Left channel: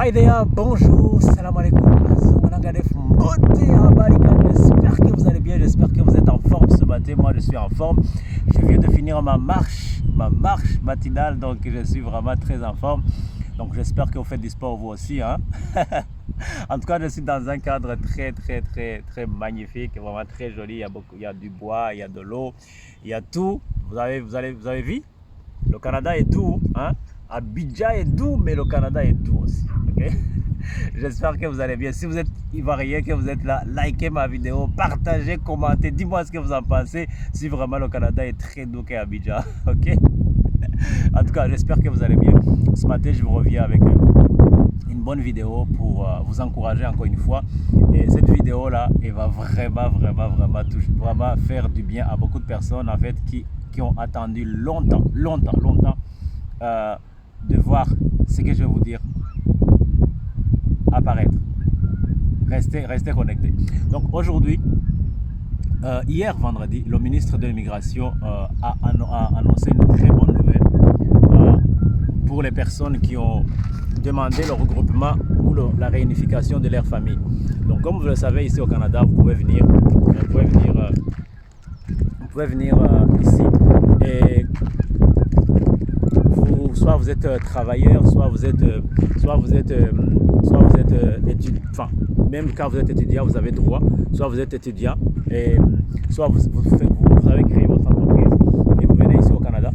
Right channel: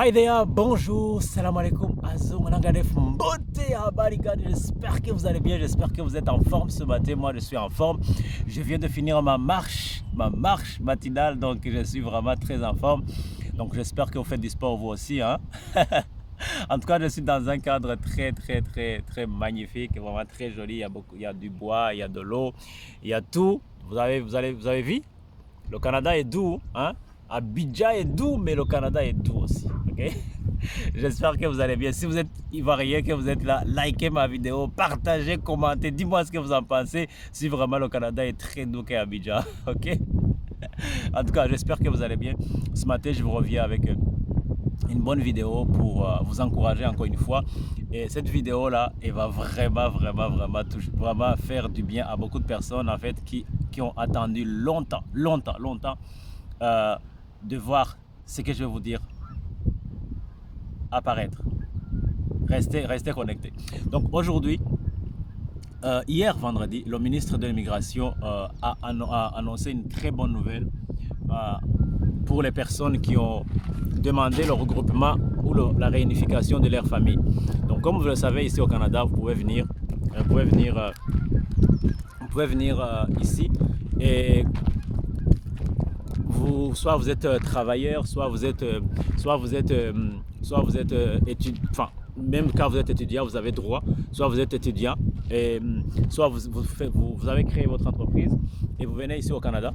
Hi there, bonjour, salam alaikum, Azomanangadef, Mbote, Abarikani, j'espère que vous allez bien, j'espère que vous êtes en forme ce matin, moi je suis en forme, je viens de finir ma marche matinale, donc je suis vraiment très en forme, donc j'espère que vous faites du sport vous aussi, hein. En tout cas, je suis dans un cadre très magnifique, vraiment très joli, il y a du bois, il y a de l'eau, il y a tout, vous avez vu, le Canada est doux, hein. Abidjan est doux, mais le Canada est doux aussi. Okay? J'espère que vous allez bien. Si vous êtes ivoirien, que vous êtes là, likez ma vidéo, partagez, commentez, dis-moi ce que vous en pensez. Si vraiment le Canada est très doux qu'à Abidjan. Ok? En tout cas, j'espère que vous allez bien. Ce matin, je vous reviens avec une bonne vidéo pour vous encourager encore une fois. Et cette vidéo là, elle va vraiment faire du bien à beaucoup de personnes en fait qui ont attendu longtemps de voir ce que je vais vous dire apparaître. Restez connectés. Donc aujourd'hui, hier vendredi, le ministre de l'Immigration a annoncé une très bonne nouvelle pour les personnes qui ont demandé le regroupement ou la réunification de leur famille. Donc comme vous le savez, ici au Canada, vous pouvez venir ici et soit vous êtes travailleur, soit vous êtes étudiant, enfin même quand vous êtes étudiant vous avez droit, soit vous êtes étudiant et soit vous avez créé votre entreprise et vous venez ici au Canada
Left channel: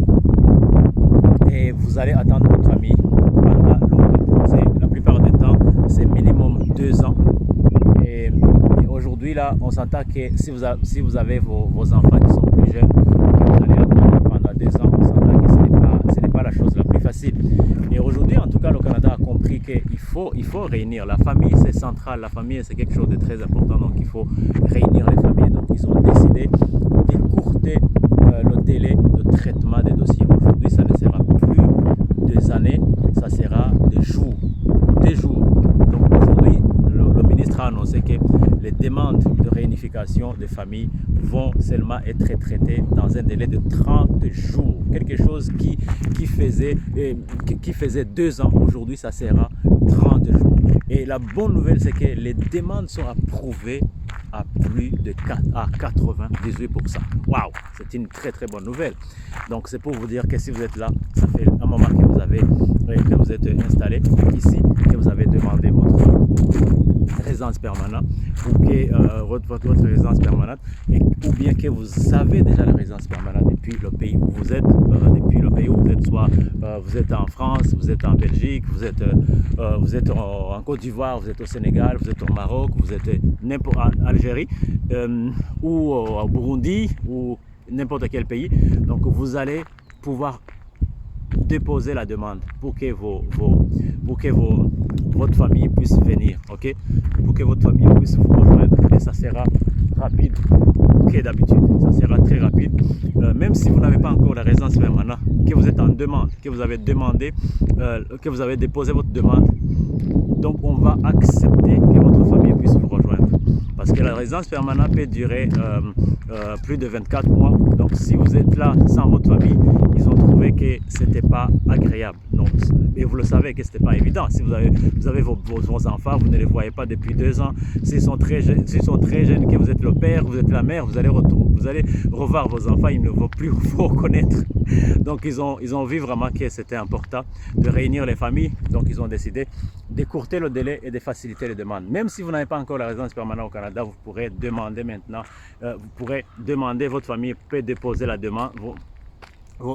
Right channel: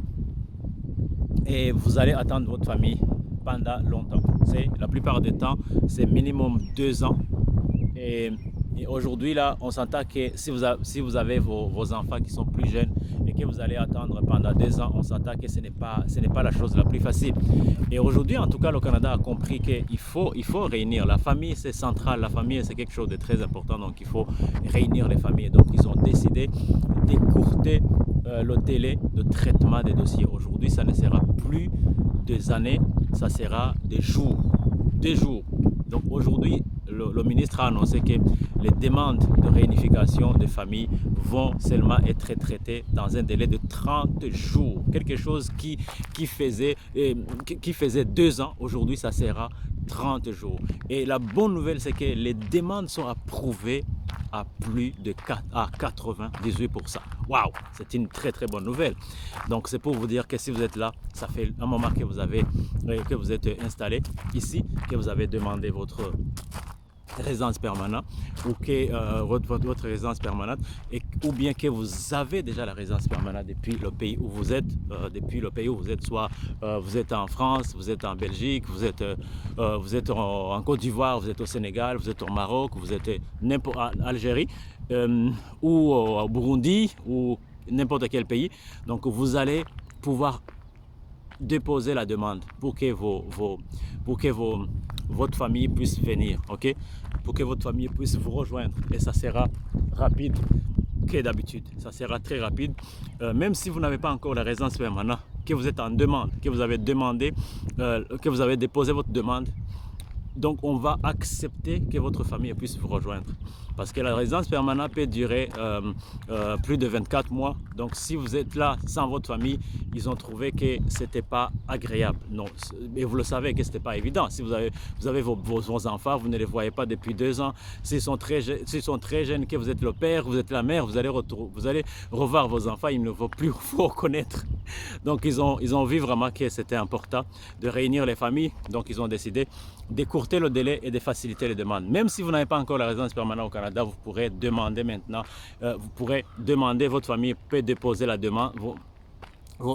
et vous allez attendre votre famille pendant longtemps. La plupart des temps c'est minimum 2 ans et aujourd'hui là on s'entend que si vous avez vos enfants qui sont plus jeunes et que vous allez attendre pendant 2 ans, on s'entend que ce n'est pas la chose la plus facile. Et aujourd'hui, en tout cas, le Canada a compris qu'il faut réunir. La famille, c'est central. La famille, c'est quelque chose de très important. Donc, il faut réunir les familles. Donc, ils ont décidé d'écourter le délai de traitement des dossiers. Aujourd'hui, ça ne sera plus des années, ça sera des jours. Donc, aujourd'hui, le ministre a annoncé que les demandes de réunification des familles vont seulement être traitées dans un délai de 30 jours. Quelque chose qui faisait 2 ans, aujourd'hui ça sera 30 jours. Et la bonne nouvelle, c'est que les demandes sont approuvées à plus de 98%. Waouh, c'est une très bonne nouvelle. Donc c'est pour vous dire que si vous êtes là, ça fait un moment que vous êtes installé ici, que vous avez demandé votre résidence permanente ou que votre résidence permanente ou bien que vous avez déjà la résidence permanente depuis le pays où vous êtes, soit vous êtes en France, vous êtes en Belgique, vous êtes en Côte d'Ivoire, vous êtes au Sénégal, vous êtes au Maroc, vous êtes n'importe en Algérie ou au Burundi ou n'importe quel pays. Donc vous allez pouvoir déposer la demande pour que votre famille puisse venir, ok, pour que votre famille puisse vous rejoindre et ça sera rapide que d'habitude, ça sera très rapide, même si vous n'avez pas encore la résidence permanente, que vous êtes en demande, que vous avez demandé, que vous avez déposé votre demande. Donc on va accepter que votre famille puisse vous rejoindre parce que la résidence permanente peut durer plus de 24 mois. Donc si vous êtes là sans votre famille, ils ont trouvé que c'était pas agréable. Non, et vous le savez que c'était pas évident. Si vous avez vos enfants, vous ne les voyez pas depuis 2 ans. S'ils sont très jeunes, que vous êtes le père, vous êtes la mère, vous allez revoir vos enfants, ils ne vont plus vous reconnaître. Donc ils ont vu vraiment que c'était important de réunir les familles. Donc ils ont décidé d'écourter le délai et de faciliter les demandes. Même si vous n'avez pas encore la résidence permanente au Canada, vous pourrez demander maintenant, votre famille peut déposer la demande,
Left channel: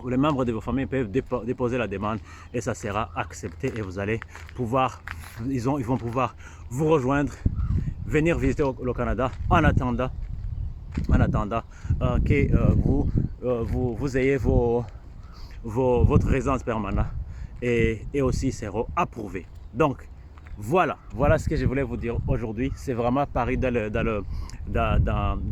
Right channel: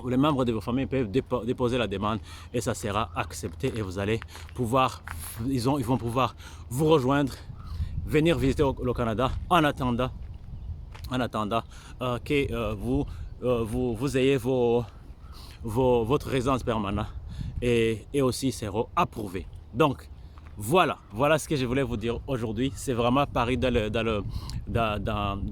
les membres de vos familles peuvent déposer la demande et ça sera accepté et vous allez pouvoir, ils vont pouvoir vous rejoindre, venir visiter le Canada en attendant que vous ayez votre résidence permanente et aussi sera approuvé. Donc voilà ce que je voulais vous dire aujourd'hui. C'est vraiment paru dans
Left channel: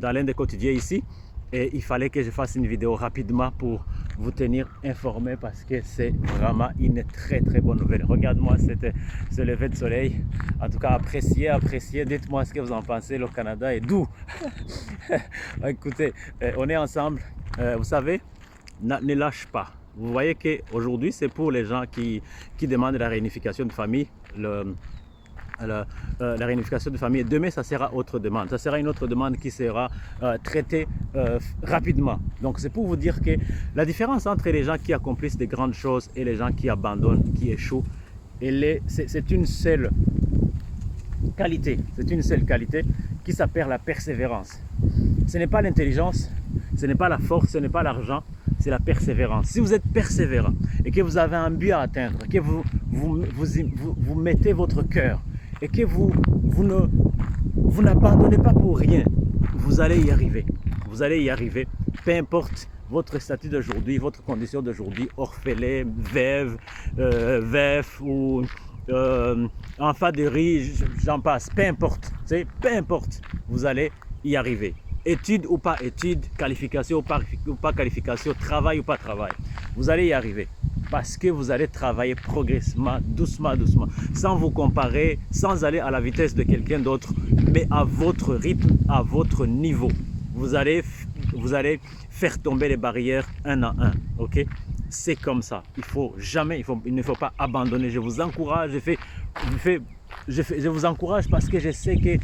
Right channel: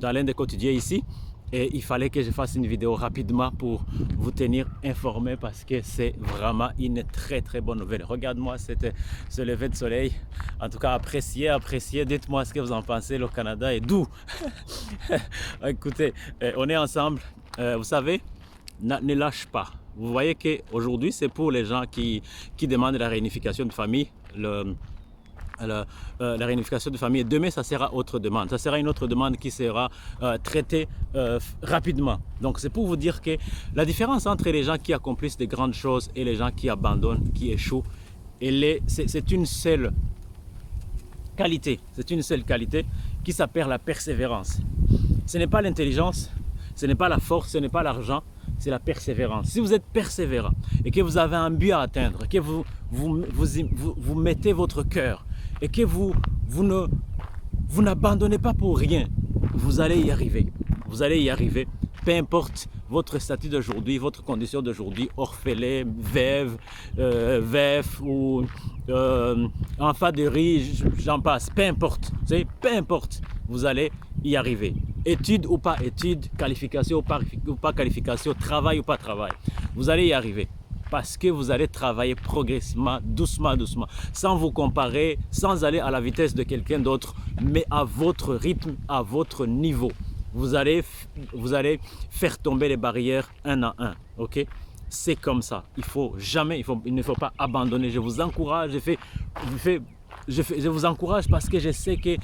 l'un des quotidiens ici. Et il fallait que je fasse une vidéo rapidement pour vous tenir informé parce que c'est vraiment une très bonne nouvelle. Regarde-moi ce lever de soleil. En tout cas, appréciez. Dites-moi ce que vous en pensez. Le Canada est doux. Écoutez, on est ensemble. Vous savez, ne lâche pas. Vous voyez qu'aujourd'hui, c'est pour les gens qui demandent la réunification de famille. La réunification de famille. Demain, ça sera autre demande. Ça sera une autre demande qui sera traitée rapidement. Donc, c'est pour vous dire que la différence entre les gens qui accomplissent de grandes choses et les gens qui abandonnent, qui échouent, c'est une seule qualité. C'est une seule qualité qui s'appelle la persévérance. Ce n'est pas l'intelligence, ce n'est pas la force, ce n'est pas l'argent, c'est la persévérance. Si vous êtes persévérant et que vous avez un but à atteindre, que vous mettez votre cœur et que vous n'abandonnez pas pour rien, vous allez y arriver. Vous allez y arriver, peu importe votre statut d'aujourd'hui, votre condition d'aujourd'hui, orphelin, veuve, veuf ou enfant de riz, j'en passe, peu importe, peu importe, vous allez y arriver. Études ou pas études, qualification ou pas qualification, travail ou pas travail, vous allez y arriver. Parce que vous allez travailler progressivement, doucement, doucement, sans vous comparer, sans aller à la vitesse de quelqu'un d'autre, mais à votre rythme, à votre niveau. Vous allez faire tomber les barrières un à un, ok? C'est comme ça. Il ne faut pas abandonner. Je vous encourage, je vous encourage parce que je sais que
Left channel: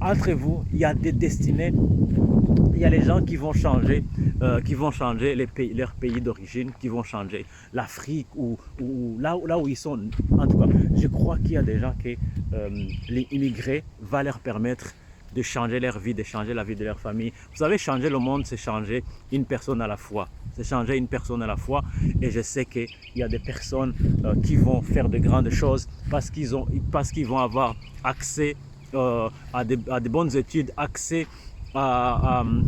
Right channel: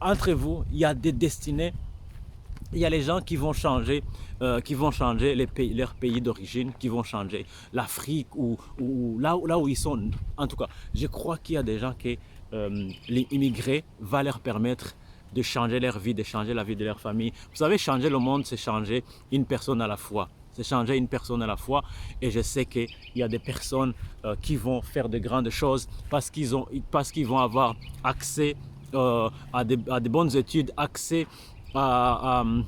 entre vous, il y a des destinées. Il y a les gens qui vont changer leur pays d'origine, qui vont changer l'Afrique ou là où ils sont. En tout cas, je crois qu'il y a des gens qui, les immigrés, va leur permettre de changer leur vie, de changer la vie de leur famille. Vous savez, changer le monde, c'est changer une personne à la fois. C'est changer une personne à la fois. Et je sais qu'il y a des personnes qui vont faire de grandes choses parce qu'ils vont avoir accès à de bonnes études, accès à un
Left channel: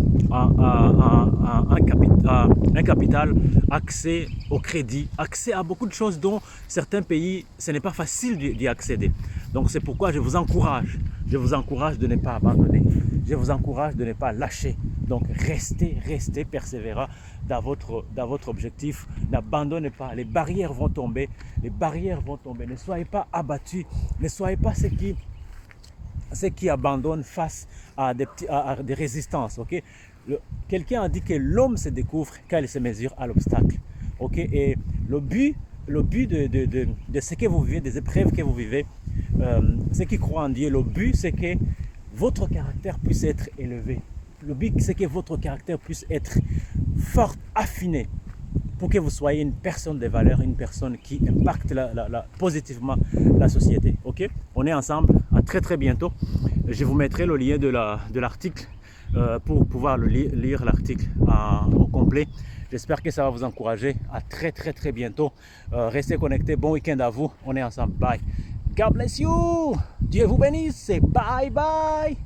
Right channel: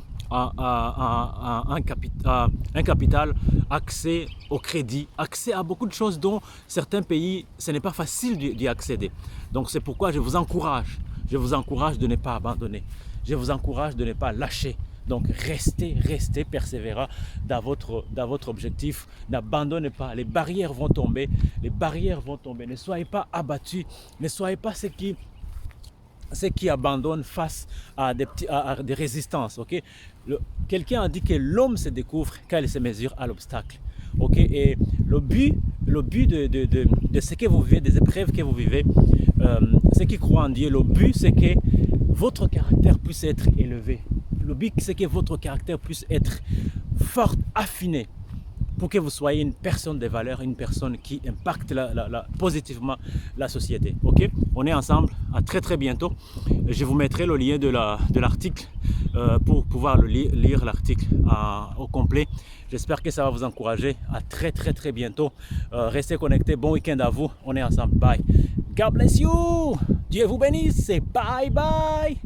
capital, accès au crédit, accès à beaucoup de choses dont certains pays, ce n'est pas facile d'y accéder. Donc c'est pourquoi je vous encourage de ne pas abandonner. Je vous encourage de ne pas lâcher. Donc restez persévérant dans votre objectif. N'abandonnez pas. Les barrières vont tomber. Ne soyez pas abattus. Ne soyez pas ceux qui abandonnent face à des résistances. Okay? Quelqu'un a dit que l'homme se découvre quand il se mesure à l'obstacle. Okay? Et le but de ce que vous vivez, des épreuves que vous vivez, ceux qui croient en Dieu, le but c'est que votre caractère puisse être élevé. Le but c'est que votre caractère puisse être fort, affiné, pour que vous soyez une personne de valeur, une personne qui impacte positivement la société. Ok? On est ensemble, à très bientôt. Je vous mettrai le lien de l'article pour pouvoir lire l'article au complet. J'espère que ça va vous encourager. À très bientôt. Restez connectés. Bon week-end à vous. On est ensemble. Bye. God bless you. Dieu vous bénisse. Bye bye.